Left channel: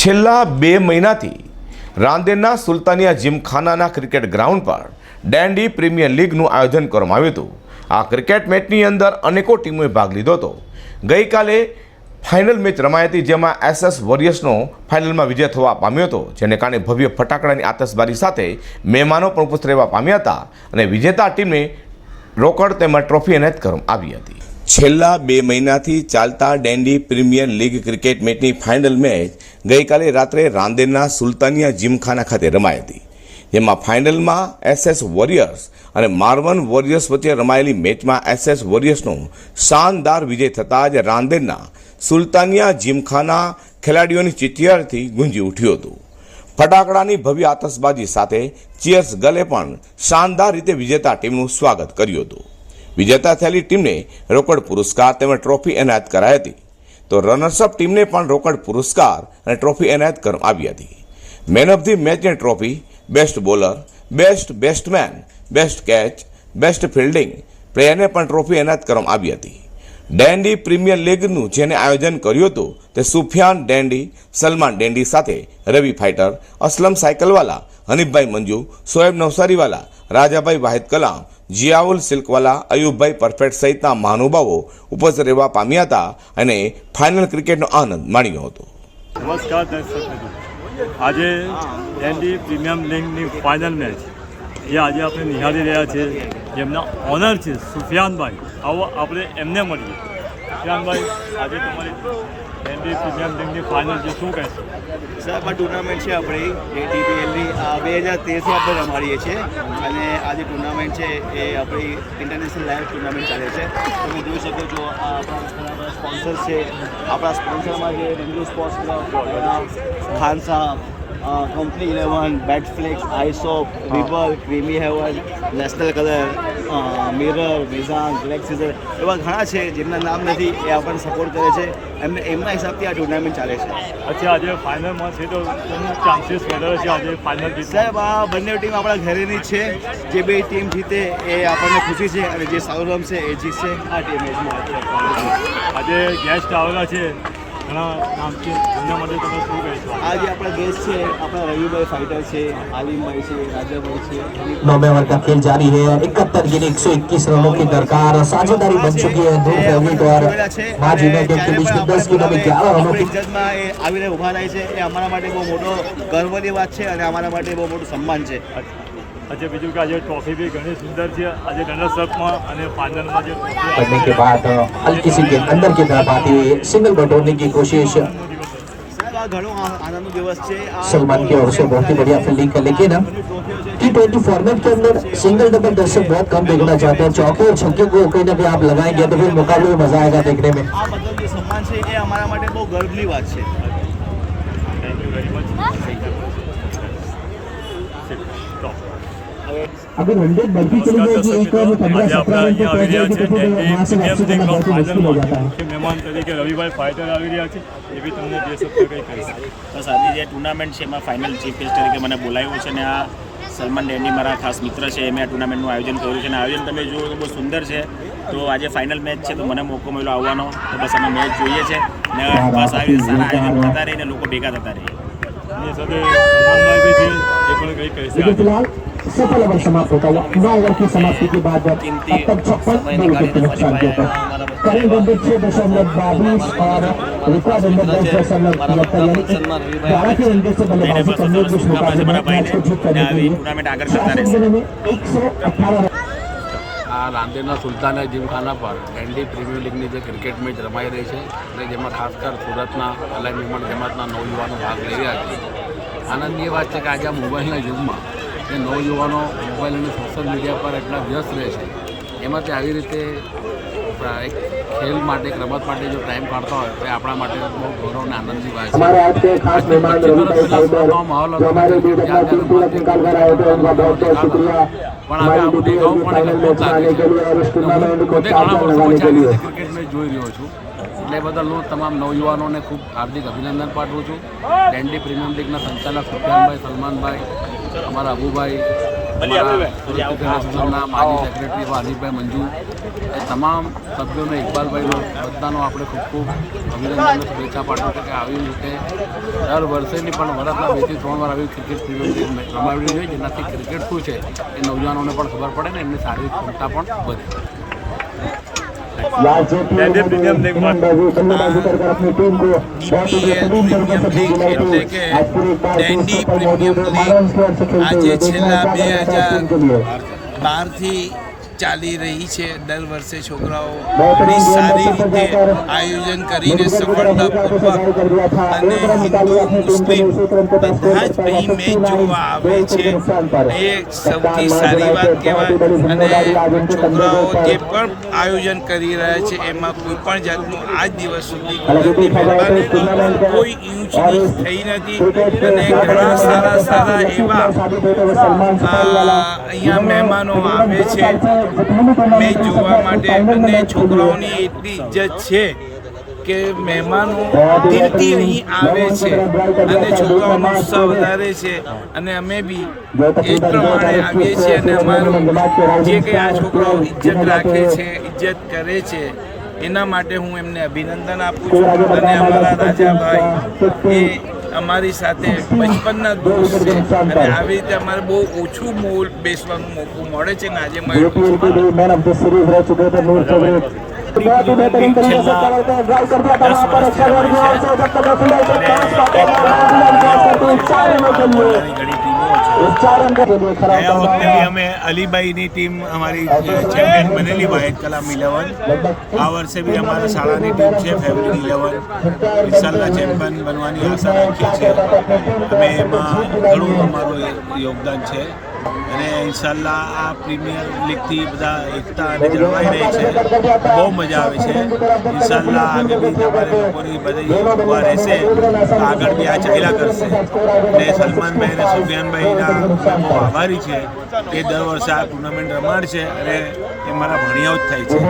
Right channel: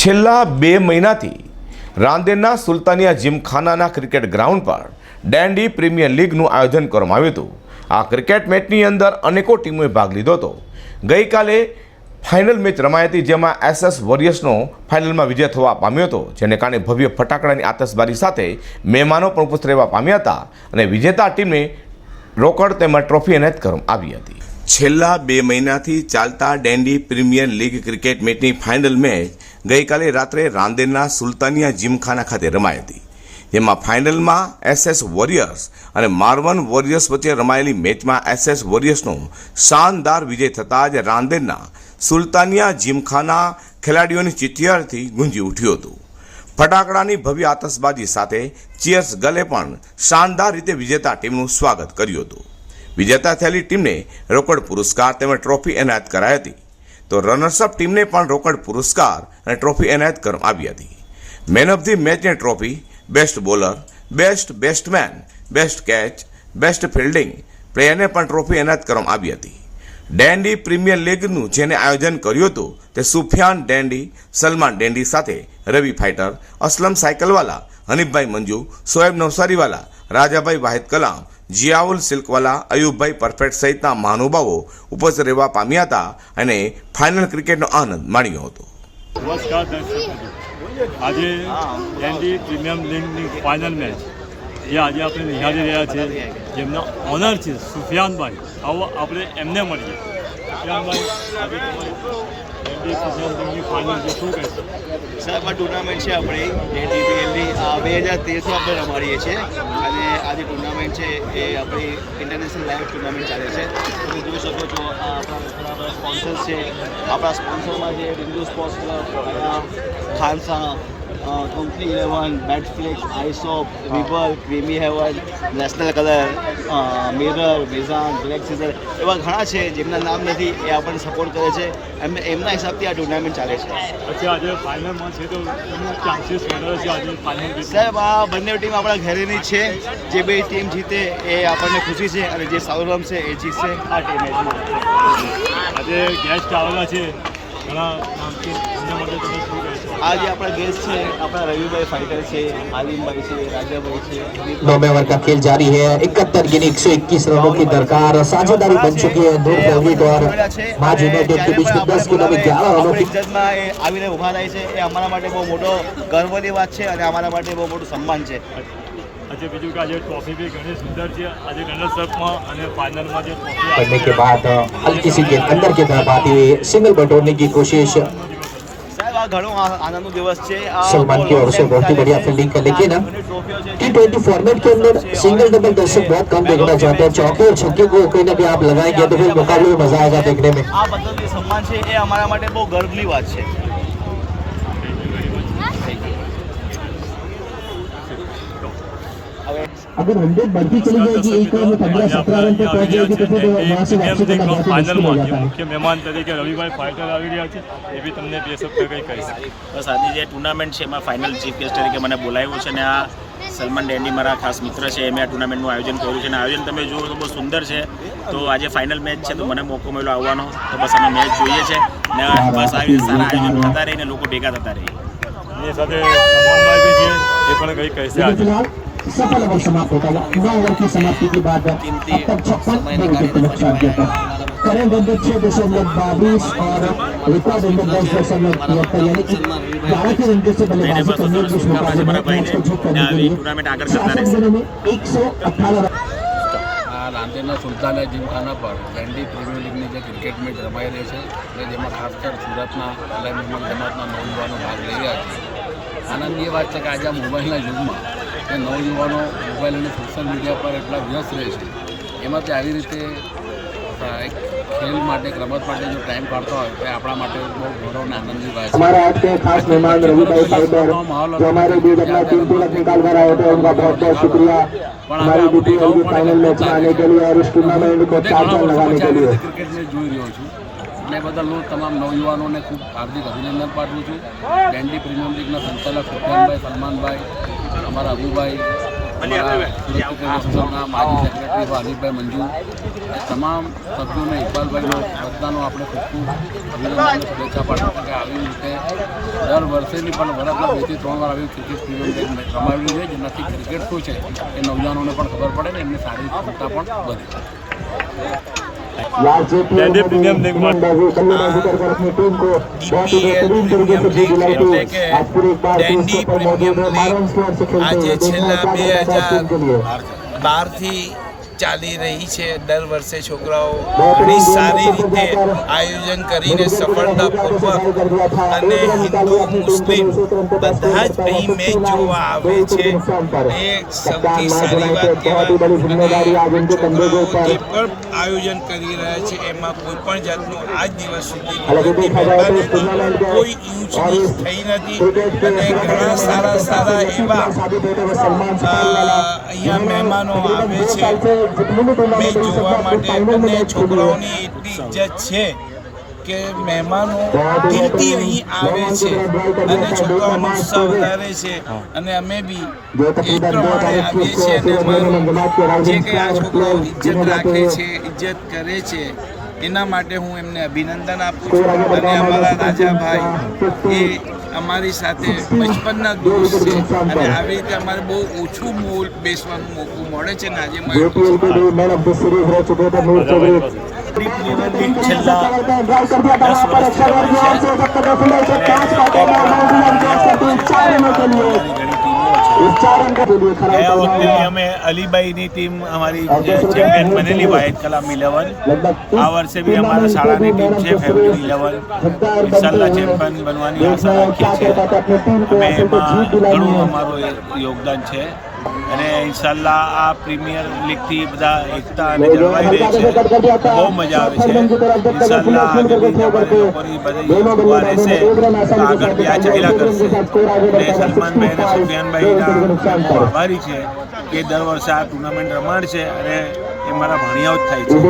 છેલ્લા 2 મહિનાથી રાંદેરના Sultania જીમખાનાના cricket ground પર ડેન્ડી પ્રીમિયર લીગનું આયોજન કરવામાં આવ્યું હતું। આ ક્રિકેટ મેચની અંદર અનેકો ટીમોએ ભાગ લીધો હતો। ગઈકાલે ફાઇનલ મેચ રમાઈ હતી, જેમાં એસએસ વોરિયર્સનો ફાઇનલમાં વિજય થવા પામ્યો હતો, જેને કારણે ભવ્ય ફટાકડાની આતશબાજી સાથે મહેમાનો પણ ઉપસ્થિત રહેવા પામ્યા હતા અને વિજેતા ટીમને રોકડ તેમજ ટ્રોફી એનાયત કરવામાં આવી હતી। છેલ્લા 2 મહિનાથી ચાલતા ડેન્ડી પ્રીમિયર લીગ ક્રિકેટ મેચની ફાઇનલ મેચ ગઈકાલે રાત્રે રાંદેરના સુલતાનિયા જીમખાના ખાતે રમાઈ હતી, જેમાં ફાઇનલમાં એસએસ વોરિયર્સ અને મારવન વોરિયર્સ વચ્ચે રમાયેલી મેચમાં એસએસ વોરિયર્સનો શાનદાર વિજય થતાં જ રાંદેરના સુલતાનિયા જીમખાના ખેલાડીઓની ચિચિયારથી ગુંજી ઉઠ્યું હતું। ફટાકડાની ભવ્ય આતશબાજી સાથે ચીયર્સ ગલે પણ શાનદાર રીતે વિજેતા ટીમનું સ્વાગત કર્યું હતું। વિજેતા થયેલી ટીમને રોકડ પુરસ્કાર તેમજ ટ્રોફી એનાયત કરાઈ હતી, તો રનર્સઅપ ટીમને પણ રોકડ પુરસ્કાર અને ટ્રોફી એનાયત કરવામાં આવી હતી। મેન ઓફ ધી મેચની trophy, best bowler, best batsman, best catch, best fielding પ્લેયરને પણ ટ્રોફી એનાયત કરવામાં આવી હતી। ડેન્ડી પ્રીમિયર લીગનું જેને આયોજન કર્યું હતું તે સુફિયાન ડેન્ડી, સલમાન ડેન્ડી સાથે રવિ ફાઇટર, અસલમ સાયકલવાલા, હનીફભાઈ મંજુ, શોએબ નવસારીવાલા, રાજાભાઈ વાહિદ કલામ, જિયાઉલ સિલ્કવાલા, અયુબભાઈ પરફેક્ટ સહિતના મહાનુભાવો ઉપસ્થિત રહેવા પામ્યા હતા અને ફાઇનલ ક્રિકેટનો આનંદ માણ્યો હતો। નમસ્કાર દર્શક મિત્રો, આજે ડેન્ડી પ્રીમિયમ લીગની ફાઇનલ મેચ જે આજે આપણે નિહાળી રહ્યા છીએ, જેમના ઓનર છે સુફિયાનભાઈ। આવો આપણે એમને મળીએ। સુફિયાનભાઈ, આજે તમારી ડેન્ડી પ્રીમિયમ લીગની ફાઇનલ છે, શું કહેશો? સાહેબ, આ ટુર્નામેન્ટ છે આપણી ડેન્ડીપીએલની, આ 2013થી આપણે રમાડીએ છીએ અને આ જે ટુર્નામેન્ટ છે એ આપણી ઇન્ટરનેશનલ લાઈવ ટુર્નામેન્ટ ચાલે છે। તમે જોઈ શકો છો, આ આપણા ઘણા બધા સ્પોન્સર્સ છે। આપણા સ્પોન્સરમાં જે મંજુ સ્પોર્ટ્સ ક્લબ, હયા, ખાન સાહબ, કંપની 11, બેટફ્લિક્સ, આઈસોપ, વિબલ, creamy heaven, national colour, mirror, મિઝાન, બ્લેક સીઝર, એવા ઘણા છે જેમના નામ નથી, એ આપણને સપોર્ટ કરે છે। એમના હિસાબથી આ ટુર્નામેન્ટ ચાલે છે। અચ્છા, આજે ફાઇનલમાં છે તો કોનું ચાન્સીસ વધારે છે આજે ફાઇનલ જીત? સાહેબ, આ બંને ટીમ આપણા ઘરેની છે। જે બે ટીમ જીતે એ આપણને ખુશી છે અને જે સારું રમશે એ જીતશે આ ટીમ મેચમાં। આજે ગેસ્ટ આવેલા છે ઘણા નામથી, એમના માટે તમે શું કહેશો? આ જે આપણા ગેસ્ટ છે, આપણા રવિભાઈ ફાઇટર છે, આલિમભાઈ છે, રાજાભાઈ છે। 9 ओवर का खेल जारी है। 71 यानी 121 रनों की दरकार। साझेदारी बन चुकी है दो આપણે ઇજ્જતમાં એ આવીને ઊભા રહે છે, એ અમારા માટે બહુ મોટો ગર્વની વાત છે અને અમારા માટે બહુ મોટું સન્માન છે। अच्छा, બીજું કે આજે ટ્રોફી બી ઘણી સુંદર છે। આજે રનર્સઅપમાં અને ફાઇનલમાં જે ટ્રોફી करने के बाद हल्की सी गेंद अंदर की तरफ आते हुए सिंगल बटोरने की कोशिश સાહેબ, આ ઘણો આનંદનો દિવસ છે। सलमान की ओर से बहुत ही बढ़िया फील्डिंग कर, लेकिन T20 फॉर्मेट के अंदर सिंगल डबल दर्शक बहुत कम देखना चाहते हैं। चौके और छक्के को कोई ना कोई आप लगाएंगे तो फिर मुकाबले में मजा आएगा देखने में। આ બદલ જે સન્માન છે એ અમારા માટે બહુ ગર્વની વાત છે। Thank you very much. Thank you. अगर 100 बढ़ती चली जाएगी एक ओवर में 15-17 रन पे पहुंच जाएगी तो फिर वहां से वापसी करना बहुत ही मुश्किल हो जाता है। મુખ્ય મહેમાન તરીકે રવિભાઈ ફાઇટર આવી રહ્યા છે, એ બી તમને 2 શબ્દ કંઈ કહી શકે? બસ આજે જે ટુર્નામેન્ટ છે એમાં ફાઇનલ ચીફ ગેસ્ટ તરીકે મને બોલાવ્યો છે અને આ સલમાન ડેન્ડી મારા ખાસ મિત્ર છે, એમણે આ ટુર્નામેન્ટનું આયોજન કર્યું છે અને આયોજન તમે જુઓ તો બહુ સુંદર છે। તો આજે ફાઇનલ મેચ છે તો મને મોકો મળ્યો આવવાનો, તો બસ અમે મેચ જોઈએ છે ને બસ આવી રીતે સારા આયોજન થતા રહે ને લોકો ભેગા થતા રહે। એની સાથે સલમાનભાઈ બી છે, એ પણ કંઈ કહેશે? लेकिन फिलहाल सफल ओवर समाप्त होता हुआ 9 ओवर की समाप्ति के बाद अब तक 56 करंट नंबर 6.22 और रिकॉर्ड नंबर 10.73 यानी 12 के रन से बल्लेबाजी બસ करने સરસ की શુભકામના છે મારા ભાઈને जीत ને करने આવી के लिए ટુર્નામેન્ટ આગળ કરતા રહેશે। 118 આ રાંદેરના સુલતાનિયા જીમખાના પર ડેન્ડી પ્રીમિયર લીગની જે ક્રિકેટ મેચ રમાઈ રહી છે અને જેમાં ખાસ કર સુરતના અલાઈ નિર્માણ જમાતના નવયુવાનો ભાગ લઈ રહ્યા છે। આનંદની એ વાત છે કે આજે આ મોબાઈલના યુગમાં જે નવયુવાનો મોબાઈલ અને સોશિયલ મીડિયા પર એટલા વ્યસ્ત રહે છે, એમાંથી આવી રીતે એક ખેલ માટે, એક રમત માટે જો ટાઈમ કાઢતા હોય તો એ આપણા માટે બહુ ગૌરવ અને આનંદની વાત છે। આજથી 25 વર્ષ પહેલાં સુરતનો માહોલ હતો કે ક્રિકેટ જ્યાં ત્યાં રમાતી દેખાતા, પણ હવે આવું દેખાવું પણ એક અદભુત લાગે છે। હું પોતે ઘણા વર્ષો પછી આવી રીતે ક્રિકેટ મેચ જોઈ રહ્યો છું, એટલે એ બદલ હું તમામ નવયુવાનોને ખૂબ હાર્દિક અભિનંદન પાઠવું છું। ડેન્ડી પ્રીમિયમ લીગના સંચાલક સુફિયાનભાઈ, સલમાનભાઈ, અમારા અબુભાઈ, અમારા સુરત ક્રિકેટ એસોસિએશનના માજી સેક્રેટરી હનીફભાઈ મંજુ, એ તમામ સભ્યોને, ઇકબાલભાઈનો, બધાનો આપણે ખૂબ ખૂબ અભિનંદનને શુભેચ્છા પાઠવું છું કે આવી રીતે દર વર્ષેની પણ વર્ષના 2 થી 3 વાર આવી ક્રિકેટ પ્રીમિયમ લીગ મેચ રમાડવી જોઈએ, જેનાથી ક્રિકેટ શું છે એ નવજવાનોને પણ ખબર પડે ને એમની શારીરિક ક્ષમતા પણ વધે. ડેન્ડી પ્રીમિયમ લીગમાં DPL પ્રીમિયમ લીગ એટલે કે ડેન્ડી પ્રીમિયમ લીગ આજે છેલ્લા 2012થી ચાલી રહી છે. દર વર્ષે છોકરાઓ ઘણી સારી રીતે આયોજન કરીને સફળતાપૂર્વક અને હિન્દુ મુસ્લિમ બધા જ અહીં મેચ જોવા આવે છે. એ સૌથી સારી વાત કહેવાય. અને છોકરાઓ જે પણ આયોજન કરી રહ્યા છે એમાં કોઈ પણ જાતનું આજ દિવસ સુધી કુદરતી મહેરબાનીથી કોઈ ઊંચ નીચ થઈ નથી. અને ઘણા સારા એવા અહીંયા મહેમાનો આવે છે મેચ જોવા માટે. અને છોકરાઓની એટલી ઇજ્જત છે કે મહેમાનો દિલથી અહીં આવે છે અને છોકરાઓનો ઉત્સાહ વધારે છે. અને અમે બી એ જ પ્રમાણે આવીએ છીએ અને અમારું જે કંઈ આ છોકરાઓ ઇજ્જત રાખે છે, ઇજ્જત કરે છે, એના માટે હું એમને અભિનંદન આપું છું. અને અમારા રાજાભાઈ એ અમારી સાથે બચપનના દોસ્ત છે અને આવી રીતે અમારે બહુ ઓછું મોલ બેસવાનું મોકું મળે છે ને આજે મળ્યું છે. પ્રીમિયર લીગ છેલ્લા 10 વર્ષથી રમાય છે અને એક તરફ મારા ભાણિયાઓ છે, મારા મોહલ્લાની ઘણી ટીમો છે. ગયા વખતે બી અમે અલીબાઈની ટીમ અમારી ચેમ્પિયન બનેલી, વાહિદ કલામ 11. આ વર્ષે બી અમારા શાળાની ટીમ છે ફેવરિટ 11. ઇન્શાલ્લાહ ચેમ્પિયન બનવાની આશા રાખીએ છીએ. અમે એમાં ઘણું અમારું યોગદાન છે અને ઇન્શાલ્લાહ આ પ્રીમિયર લીગથી બધા એકતા અને જળવાઈ રહી છે. બહુ મજા આવે છે. ઇન્શાલ્લાહ આગળ બી અમારે લોકોની બધી દુઆ રહેશે તો આગળ બી આ ચાલ્યા કરશે. અને સલમાનભાઈ અને સુફિયાનભાઈના અમે બહુ આભારી છે કે દર વર્ષે આ ટુર્નામેન્ટ રમાડશે અને એ મારા ભાણિયાઓ જ થાય છે.